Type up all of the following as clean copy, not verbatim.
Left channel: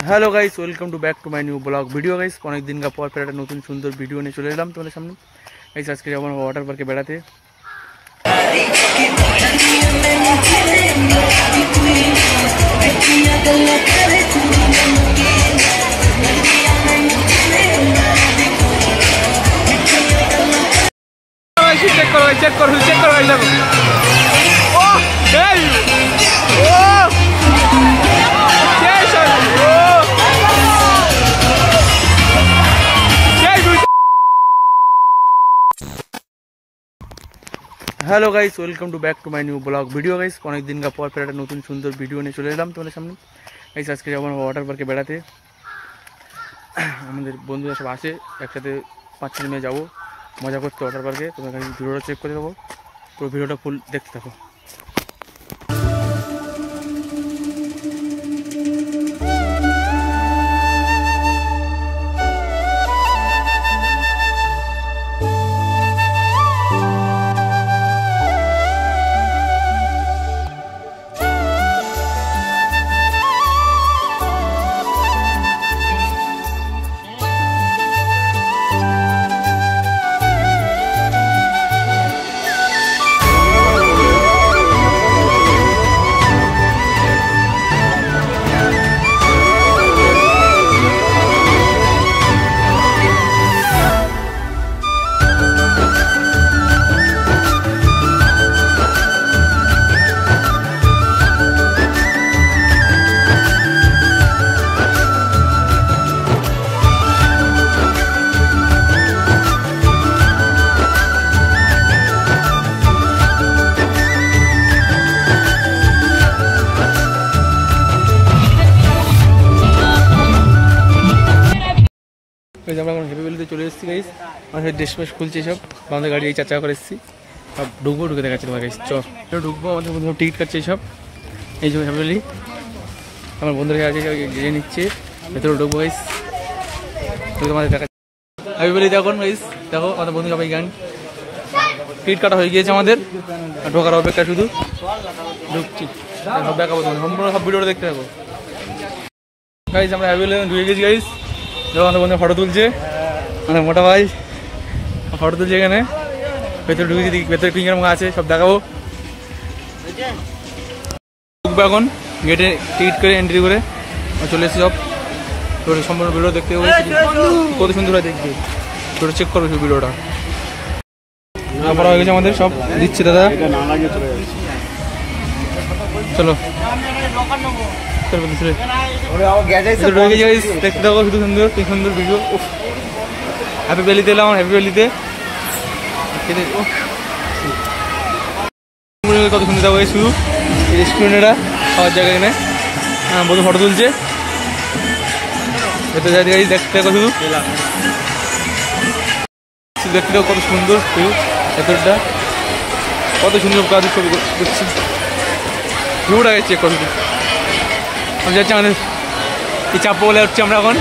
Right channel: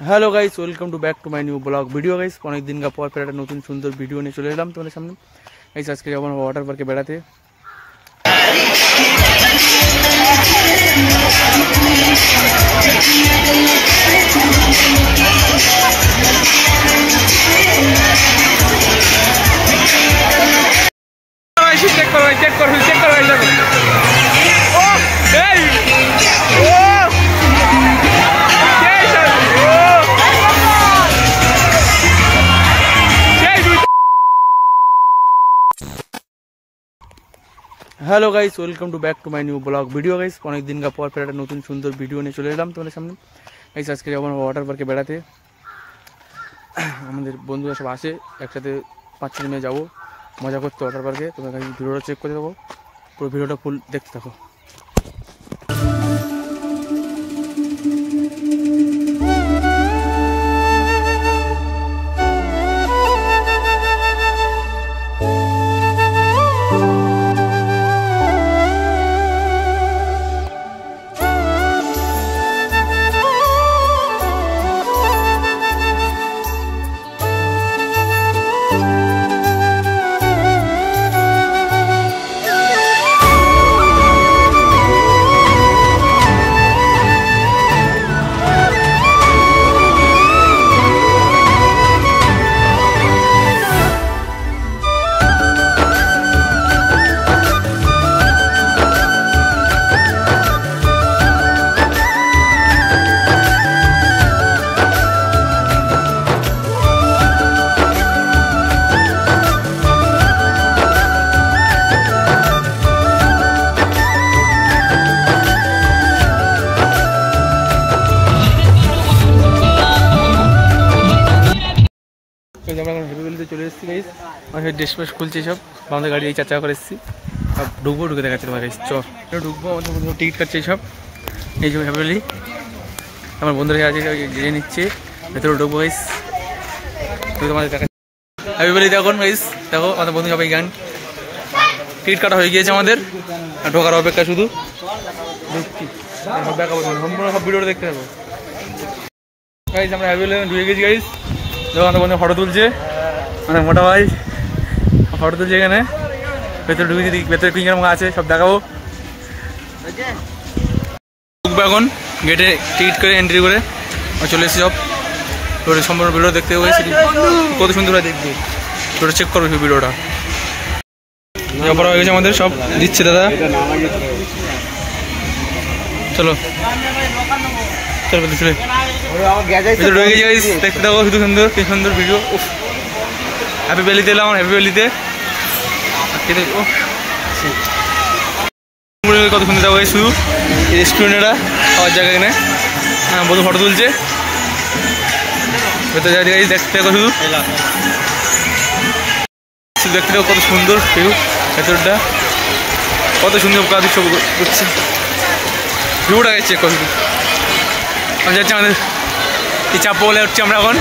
Hello guys, welcome to back to my new blog video. Guys अनेक दिन का पर फिर एक नतून सुंदर वीडियो निয়ে চলে এলাম তোমাদের সামনে। गाइस आज के যাব वाटर पार्के बेड़ाते। चेक करो चेक करो चेक करो देखो। Oh hey oh hello guys, welcome to back to my new blog video. Guys अनेक दिन का पर फिर एक नतून सुंदर वीडियो নিয়ে চলে এলাম তোমাদের সামনে। गाइस आज के যাব वाटर पार्के बेड़ाते। আমাদের বন্ধুরা সব আসে একসাথে 5-6 দিনে যাব মজা করতে वाटर पार्के। তোমরা গাইস ভিডিওটা চেক করে দেখো, পুরো ভিডিওটা ফুল দেখতে থাকো। আমরা হেভি ভ্যালিতে চলে এসেছি। গাইস আমাদের ড্রেস ফ্রেস খুলছে সব, আমাদের গাড়ি এই 4 চাকা করে এসেছি। সব ঢুকে দেখাচ্ছি তোমার। গাইস চলো ঢুকবো, আমাদের বন্ধুরা টিকিট কাটছে সব। এই যে হেভি ভ্যালি আমার বন্ধুরা আছে গিয়ে নিচ্ছে, ভেতরে ঢুকবো। গাইস তোমাদের দেখা হেভি ভ্যালি দেখুন। গাইস দেখো আমাদের বন্ধু সবাই গান টিকিট কাটা হয়ে গিয়েছে আমাদের, ঢোকার অপেক্ষা শুধু। ঢুকছি সব দেখাবো, সম্পূর্ণ সব ভিডিওটা দেখতে থাকো। গাইস আমরা হেভি ভ্যালি ঢুকে গেছি। গাইস আমাদের বন্ধু ফটো তুলছে, মানে মোটা ভাই ফটো তুলছে এখানে। ভেতরে ঢুকেছি, ভেতরে কি কিরকম আছে সব দেখাবো। ঢুকবো এখন গেটে টিকিট করে এন্ট্রি করে চলে এসেছি সব। সম্পূর্ণ ভিডিও দেখতে হবে, কত সুন্দর হয় দেখতে। ভিডিও চেক করবো সেই ভিডিওটা। হয়ে গেছে আমাদের, সব দিচ্ছে দাদা। চলো চলো চলে দেখতে থাকো, শুধু সুন্দর কি সুন্দর ভিডিও। হ্যাপি ভ্যালিতে এলাম, হ্যাপি ভ্যালিতে কত সুন্দর যাবো। শুধু রেস্টুরেন্টরা খাওয়ার জায়গা এখানে বন্ধু ফটো তুলছে। ভেতরে যাই গাইস দেখতে থাকো, শুধু দেখতে থাকো কত সুন্দর ভিউ। ভেতরটা কত সুন্দর কাজ সব করছে, ভিউটা চেক করো শুধু। আমি যাচ্ছি আমাদের এই চাপ বলে উঠছি আমরা এখন।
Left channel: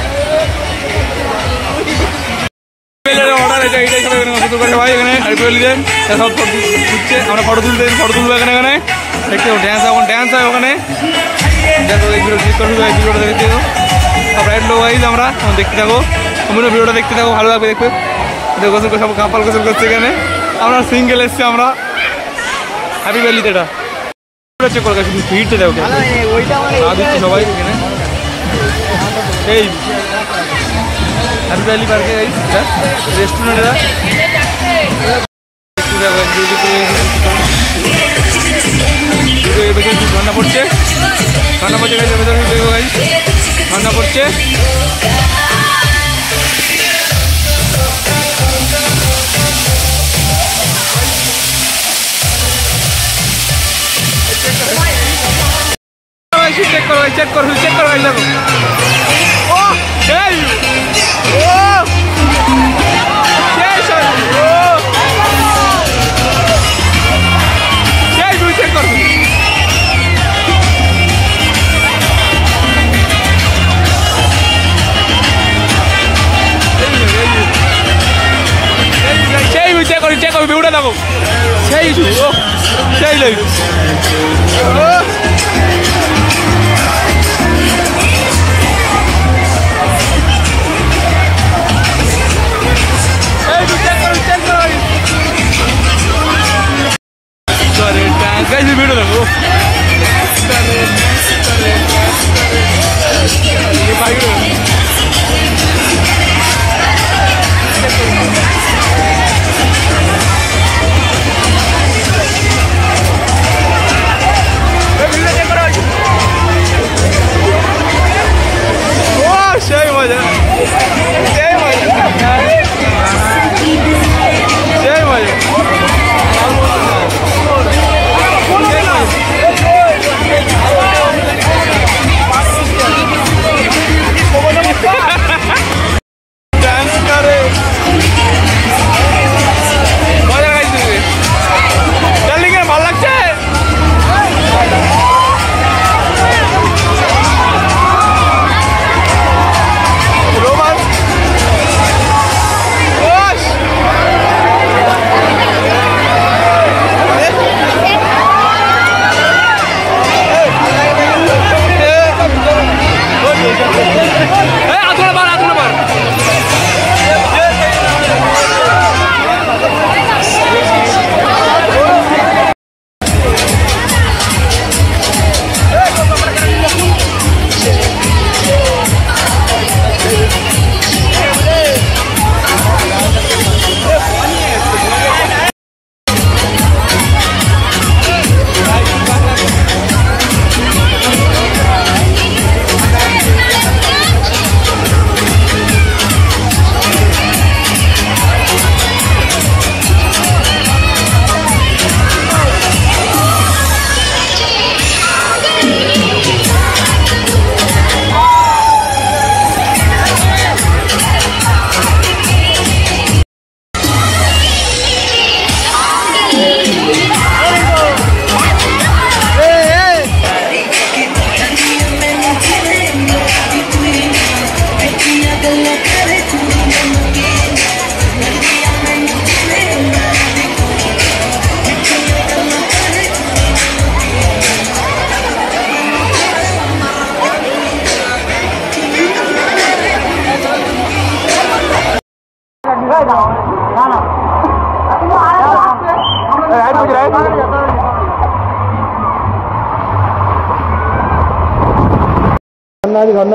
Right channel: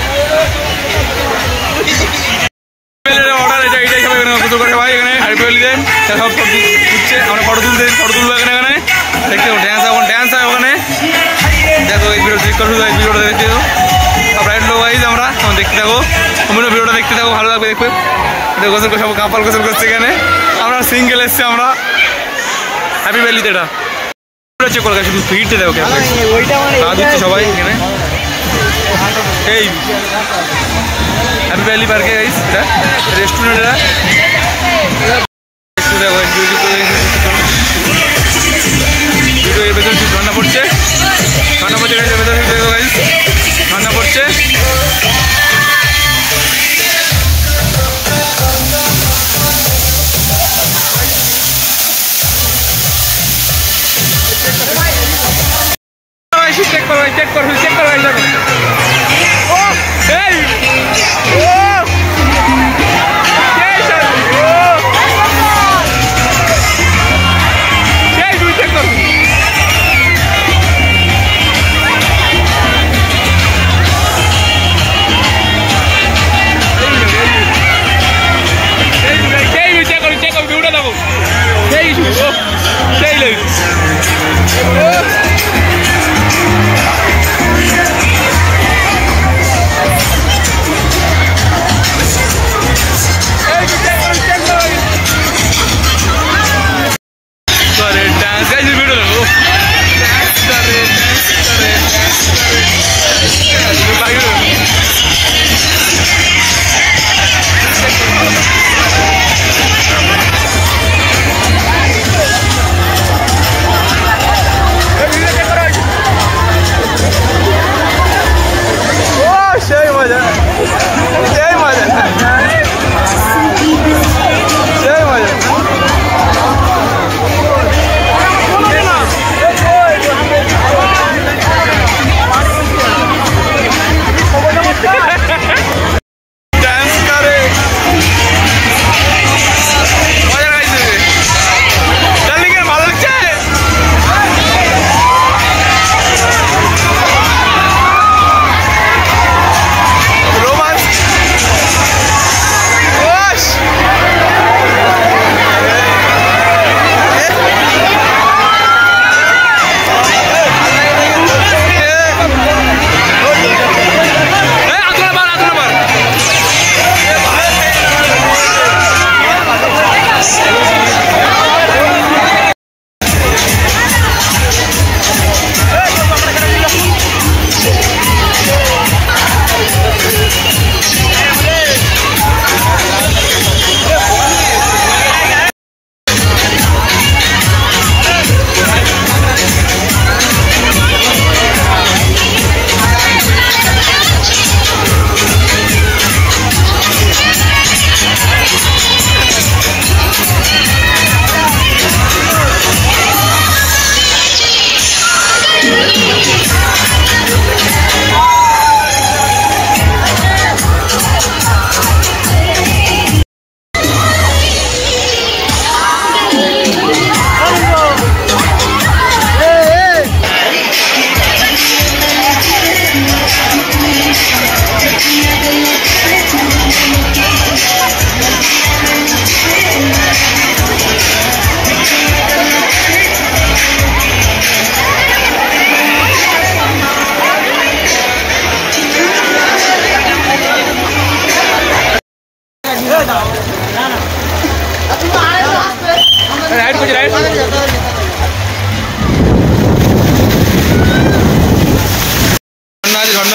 অর্ডার আছে এইটাই সবাই এখানে গোসল করে ভাই এখানে হ্যাপি ভ্যালিতে সব ঘুরছে। আমরা ফটো তুলবো এখানে দেখতে ড্যান্স এখন ড্যান্স হয় ওখানে। দেখো এই ভিডিও চেক করো, শুধু এই ভিডিওটা দেখতে থাকো। সব রাইড লো গাইজ আমরা দেখতে থাকো, সম্পূর্ণ ভিডিওটা দেখতে থাকো, ভালো লাগবে দেখবে। গোসল করে সব কাপাল গোসল করছে এখানে। আমরা সিঙ্গেল এসছি আমরা হ্যাপি ভ্যালিতে। এটা চেক করে শুধু ভিড়তে দেবো কেন গা দিচ্ছে সবাই এখানে। এই হ্যাপি ভ্যালি পার্কে গাইস রেস্টুরেন্টরা ভেতরে ঝর্ণা পড়ছে, ঝর্ণা পড়ছে গাইস ভেতরে দেখো গাইস, ঝর্ণা পড়ছে। চেক করো চেক করো চেক করো দেখো। ওহ এই ওহ চেক করো। চেক করো ভিউটা দেখো, সেই সেই লোক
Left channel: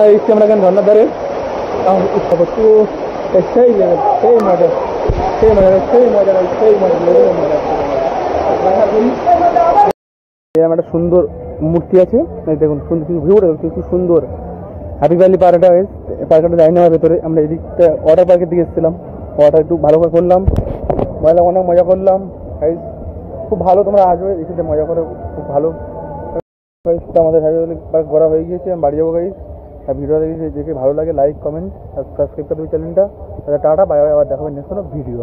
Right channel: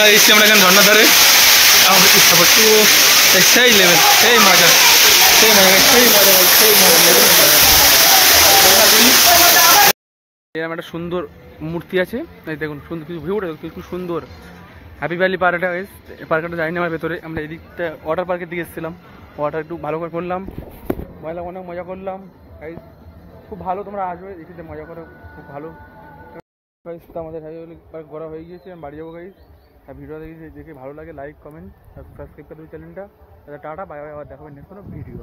ঝর্ণা এসেছি আমরা এখানে ঝর্ণার ধারে ইচ্ছা করছি সেই লেভেল সেই মজা সেই মজা সেই মজা সেই মজা লেভেলের মজা। এরকম একটা সুন্দর মূর্তি আছে দেখুন, সুন্দর কিছু ভিউটা খুব সুন্দর। হ্যাপি ভ্যালি পার্কটা পার্কটা যাইনি আমার ভেতরে, আমরা এদিকটা ওয়াটার পার্কের দিকে এসেছিলাম, ওয়াটার একটু ভালো করে করলাম, অনেক মজা করলাম। খুব ভালো, তোমরা আসবে এসে মজা করে, খুব ভালো। আমাদের হ্যাপি ভ্যালি পার্ক ঘোরা হয়ে গিয়েছে, আমি বাড়ি যাবো গাইস। আর ভিডিওটা দেখে ভালো লাগে লাইক কমেন্ট আর সাবস্ক্রাইব করে দেবে চ্যানেলটা। টাটা, বাই বাই, আবার দেখাবেন নেক্সট কোনো ভিডিও।